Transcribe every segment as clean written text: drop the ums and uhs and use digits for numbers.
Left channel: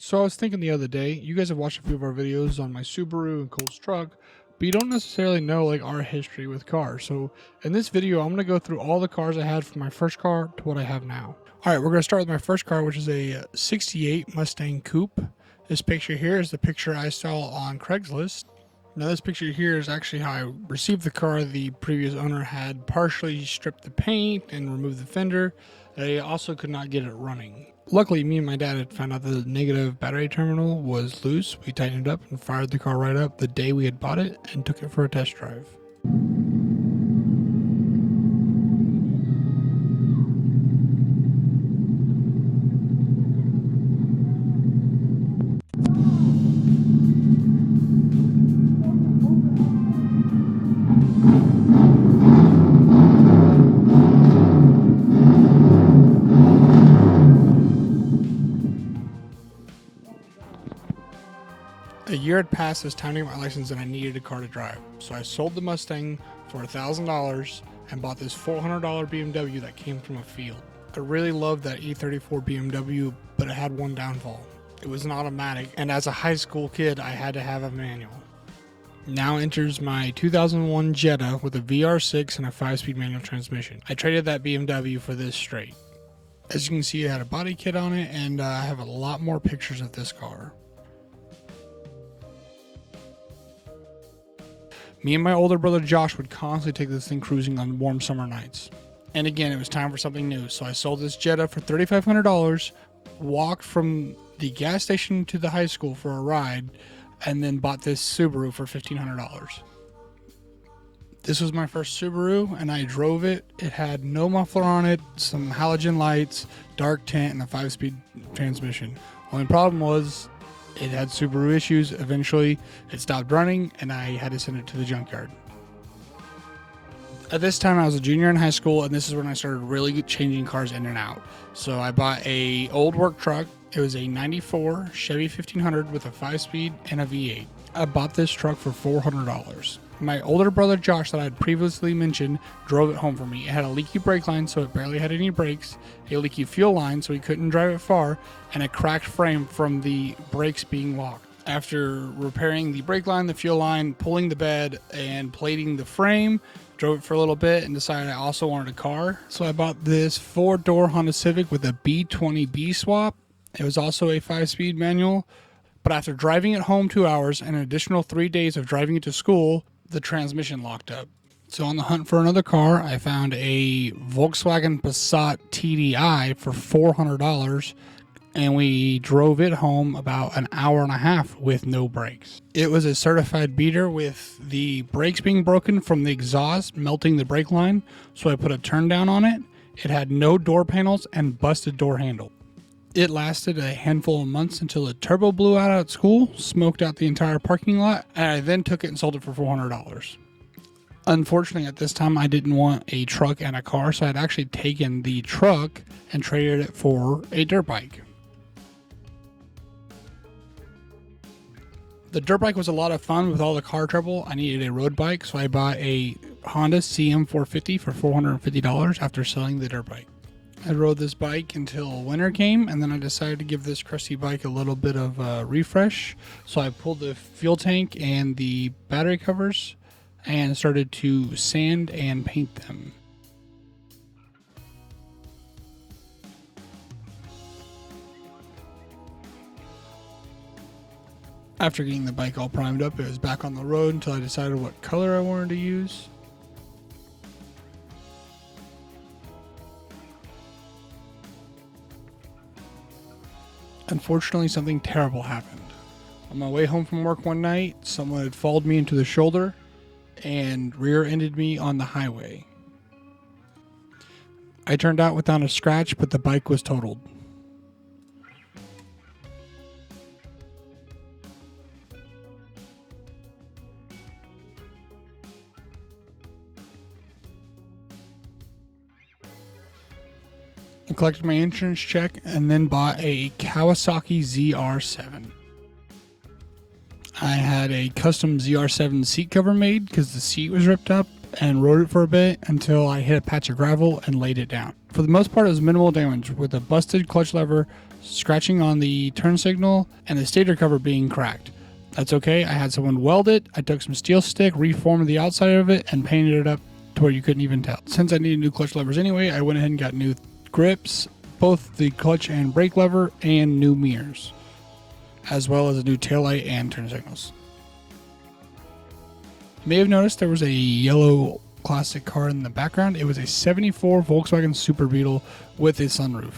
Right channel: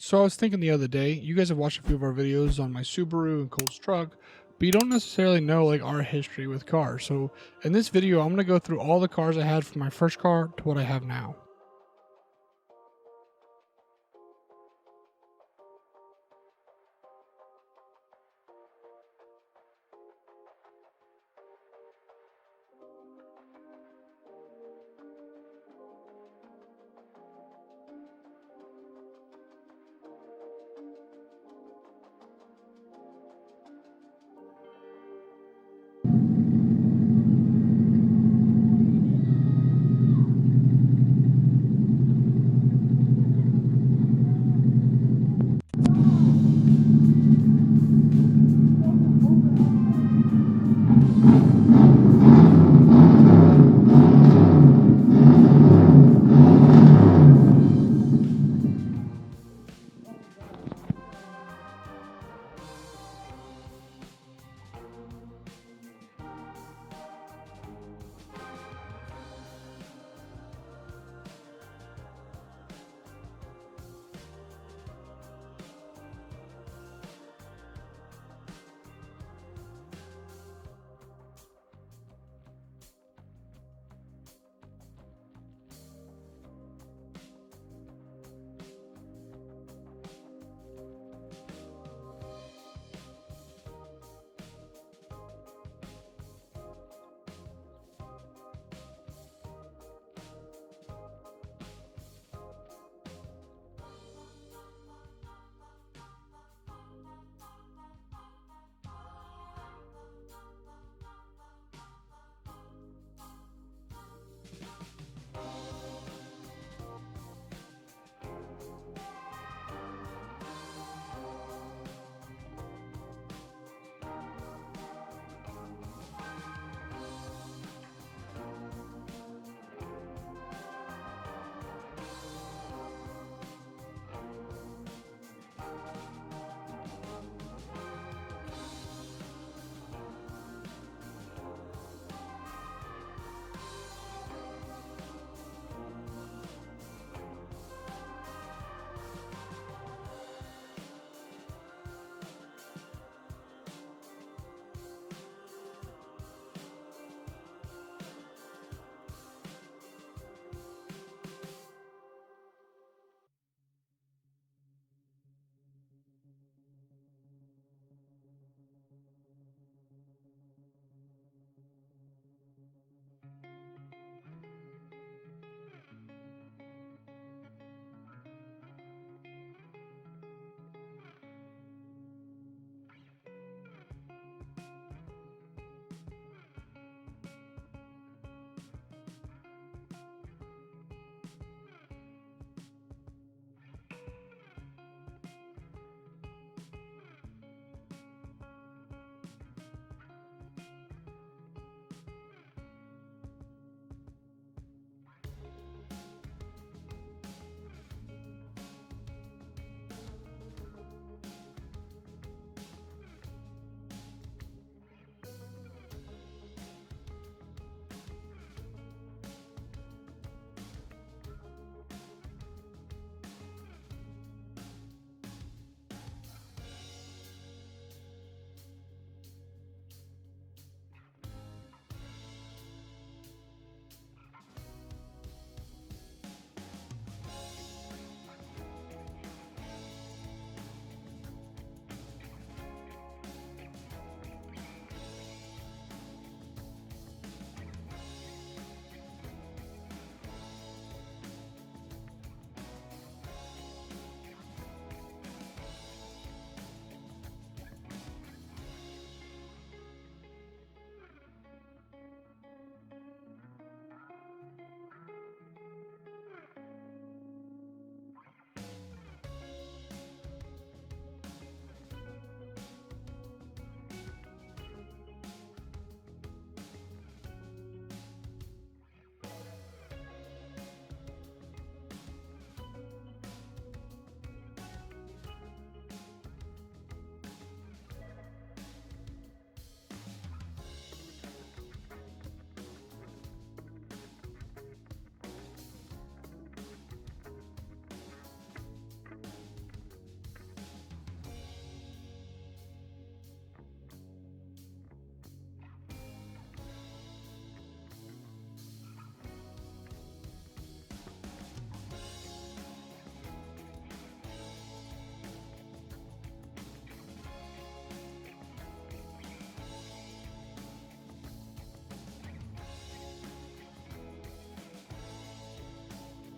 So I was thinking the other day, you guys have watched a few of our videos on my Subaru and Cole's truck, but you don't necessarily know like our history with cars. So in this video, I'm going to go through all the cars I had from my first car to what I have now. All right, we're going to start with my first car, which is a 68 Mustang Coupe. This picture here is the picture I saw on Craigslist. Now this picture here is actually how I received the car. The previous owner had partially stripped the paint and removed the fender. They also could not get it running. Luckily, me and my dad had found out the negative battery terminal was loose. We tightened it up and fired the car right up the day we had bought it and took it for a test drive. A year had passed this time to get my license and I needed a car to drive. So I sold the Mustang for $1,000 and bought this $400 BMW that came from a field. I really loved that E34 BMW, but it had one downfall. It was an automatic, and as a high school kid, I had to have a manual. Now enters my 2001 Jetta with a VR6 and a 5-speed manual transmission. I traded that BMW for this straight. As you can see, it had a body kit on it, and I have a lot more pictures of this car. Me and my older brother Josh would constantly take this thing cruising on warm summer nights. And again, it was time for something new, so I sold this Jetta for $3,500, walked from the gas station to the high school for a ride, and then bought this Subaru for $1,500. This was my first Subaru, and I drove it. It had no muffler on it, some halogen lights, dark tint, and a 5-speed transmission. Only problem was, it had Subaru issues. Eventually, it stopped running, and I had to send it to the junkyard. At this time, I was a junior in high school, and this is when I started really changing cars in and out. So I bought a old work truck. It was a 94 Chevy 1500 with a 5-speed and a V8. I bought this truck for $400. My older brother Josh, that I had previously mentioned, drove it home for me. It had a leaky brake line, so it barely had any brakes, a leaky fuel line, so he couldn't drive it far, and a cracked frame from the brakes being locked. After repairing the brake line, the fuel line, pulling the bed, and plating the frame, drove it for a little bit and decided I also wanted a car. So I bought this 4-door Honda Civic with a B20B swap. It was also a 5-speed manual, but after driving it home 2 hours and an additional 3 days of driving it to school, the transmission locked up. So on the hunt for another car, I found a Volkswagen Passat TDI for $400, and we drove it home about an hour and a half with no brakes. It was a certified beater with the brakes being broken from the exhaust melting the brake line, so I put a turn down on it. It had no door panels and busted door handle. It lasted a handful of months until the turbo blew out at school, smoked out the entire parking lot, and I then took it and sold it for $400. Unfortunately, at this time, I didn't want a truck and a car, so I'd actually taken the truck and traded it for a dirt bike. The dirt bike was a lot of fun with all the car trouble. I needed a road bike, so I bought a Honda CM450 for $450 after selling the dirt bike. I rode this bike until winter came, and then I decided to give this crusty bike a little bit of a refresh. So I pulled the fuel tank and the battery covers and started to sand and paint them. After getting the bike all primed up, it was back on the road until I decided what color I wanted to use. Unfortunately, something terrible happened. On my way home from work one night, someone had followed me into the shoulder and rear-ended me on the highway. I turned out without a scratch, but the bike was totaled. I collected my insurance check and then bought a Kawaski ZR7. I had a custom ZR7 seat cover made because the seat was ripped up, and rode it for a bit until I hit a patch of gravel and laid it down. For the most part, it was minimal damage with a busted clutch lever, scratching on the turn signal, and the stator cover being cracked. That's okay, I had someone weld it. I took some steel stick, reformed the outside of it, and painted it up to where you couldn't even tell. Since I needed new clutch levers anyway, I went ahead and got new grips, both the clutch and brake lever, and new mirrors, as well as a new taillight and turn signals. You may have noticed there was a yellow classic car in the background. It was a 74 Volkswagen Super Beetle with a sunroof.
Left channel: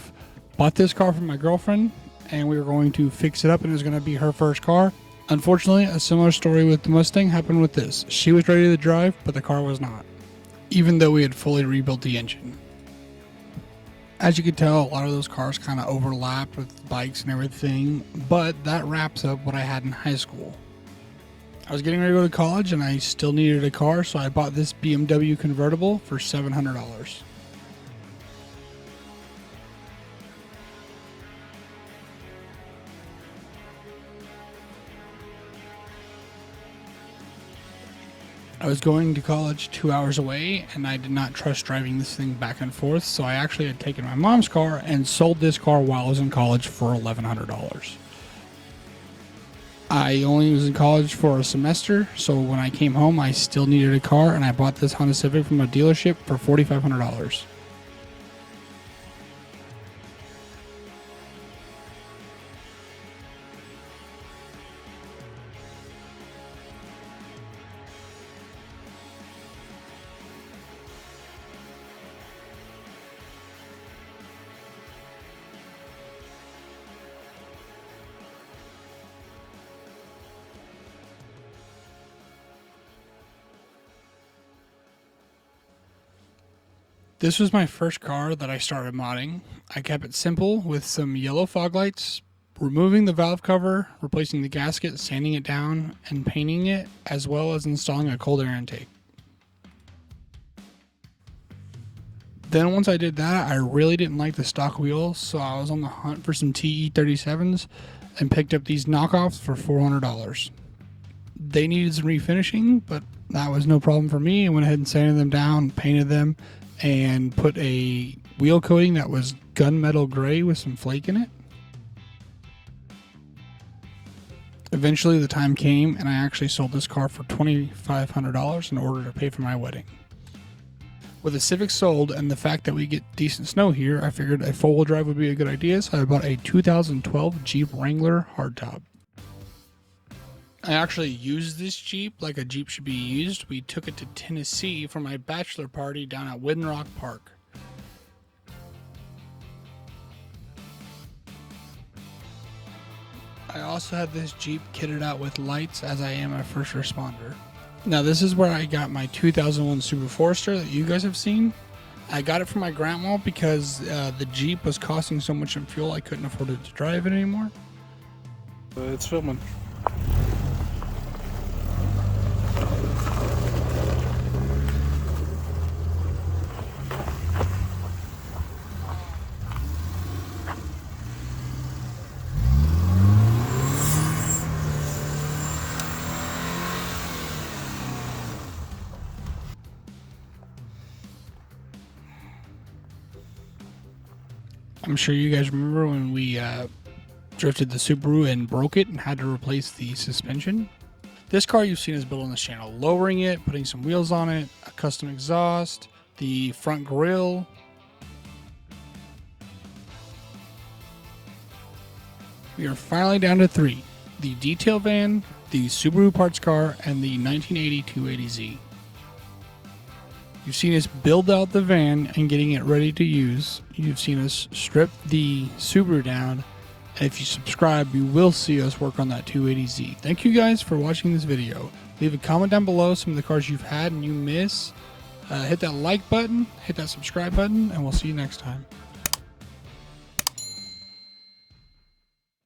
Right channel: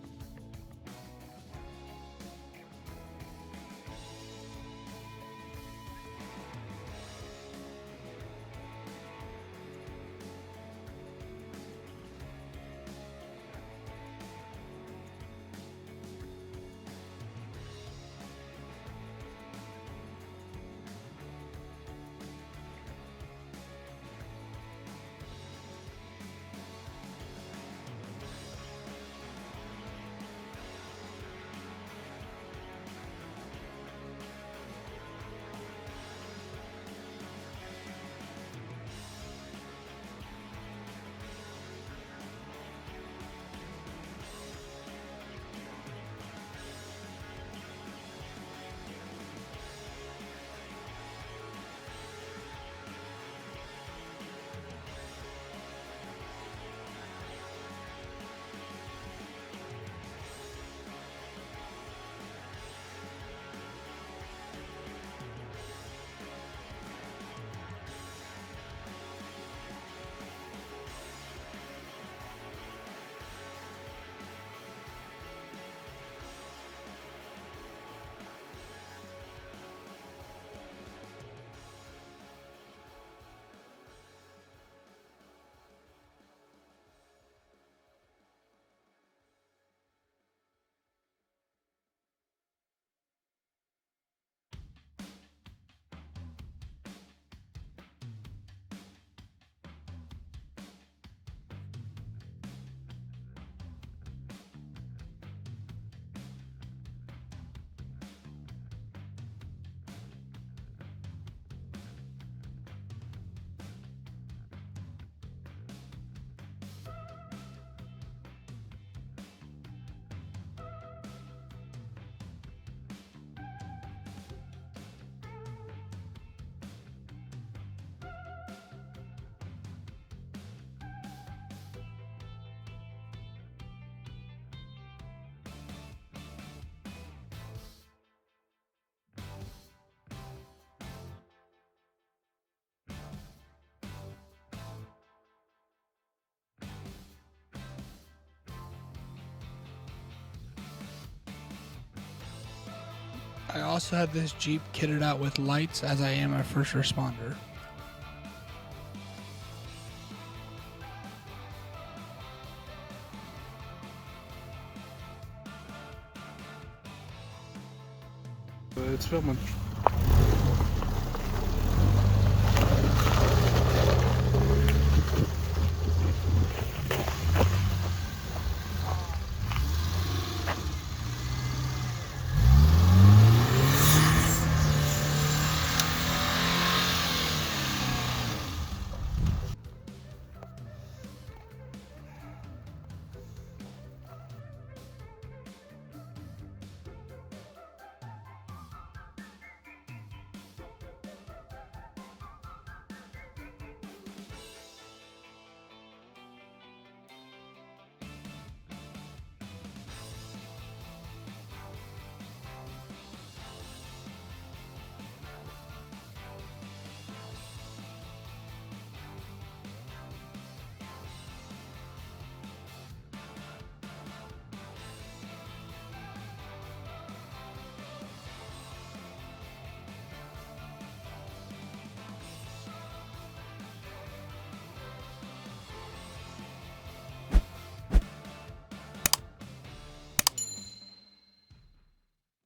Bought this car from my girlfriend, and we were going to fix it up, and it was going to be her first car. Unfortunately, a similar story with the Mustang happened with this. She was ready to drive, but the car was not, even though we had fully rebuilt the engine. As you can tell, a lot of those cars kind of overlap with bikes and everything, but that wraps up what I had in high school. I was getting ready to go to college and I still needed a car, so I bought this BMW convertible for $700. I was going to college 2 hours away and I did not trust driving this thing back and forth, so I actually had taken my mom's car and sold this car while I was in college for $1,100. I only was in college for a semester, so when I came home I still needed a car, and I bought this Honda Civic from a dealership for $4,500. This was my first car that I started modding. I kept it simple with some yellow fog lights, removing the valve cover, replacing the gasket, sanding it down, and painting it, as well as installing a cold air intake. Then once I did that, I really didn't like the stock wheels, so I was on the hunt for some TE37s and picked up these knockoffs for $400. They needed some refinishing, but that was no problem for me. I went ahead and sanded them down, painted them, and put a wheel coating that was gunmetal gray with some flake in it. Eventually the time came and I actually sold this car for $2,500 in order to pay for my wedding. With the Civic sold and the fact that we get decent snow here, I figured a four-wheel drive would be a good idea, so I bought a 2012 Jeep Wrangler Hardtop. I actually used this Jeep like a Jeep should be used. We took it to Tennessee for my bachelor party down at Winrock Park. I also had this Jeep kitted out with lights, as I am a first responder. Now this is where I got my 2001 Subaru Forester that you guys have seen. I got it from my grandma because the Jeep was costing so much in fuel I couldn't afford it to drive it anymore. It's filming. I'm sure you guys remember when we drifted the Subaru and broke it and had to replace the suspension. This car you've seen is built on this channel, lowering it, putting some wheels on it, a custom exhaust, the front grille. We are finally down to three: the detail van, the Subaru parts car, and the 1980 280Z. You've seen us build out the van and getting it ready to use. You've seen us strip the Subaru down. And if you subscribe, you will see us work on that 280Z. Thank you guys for watching this video. Leave a comment down below some of the cars you've had and you miss. Hit that like button, hit that subscribe button, and we'll see you next time.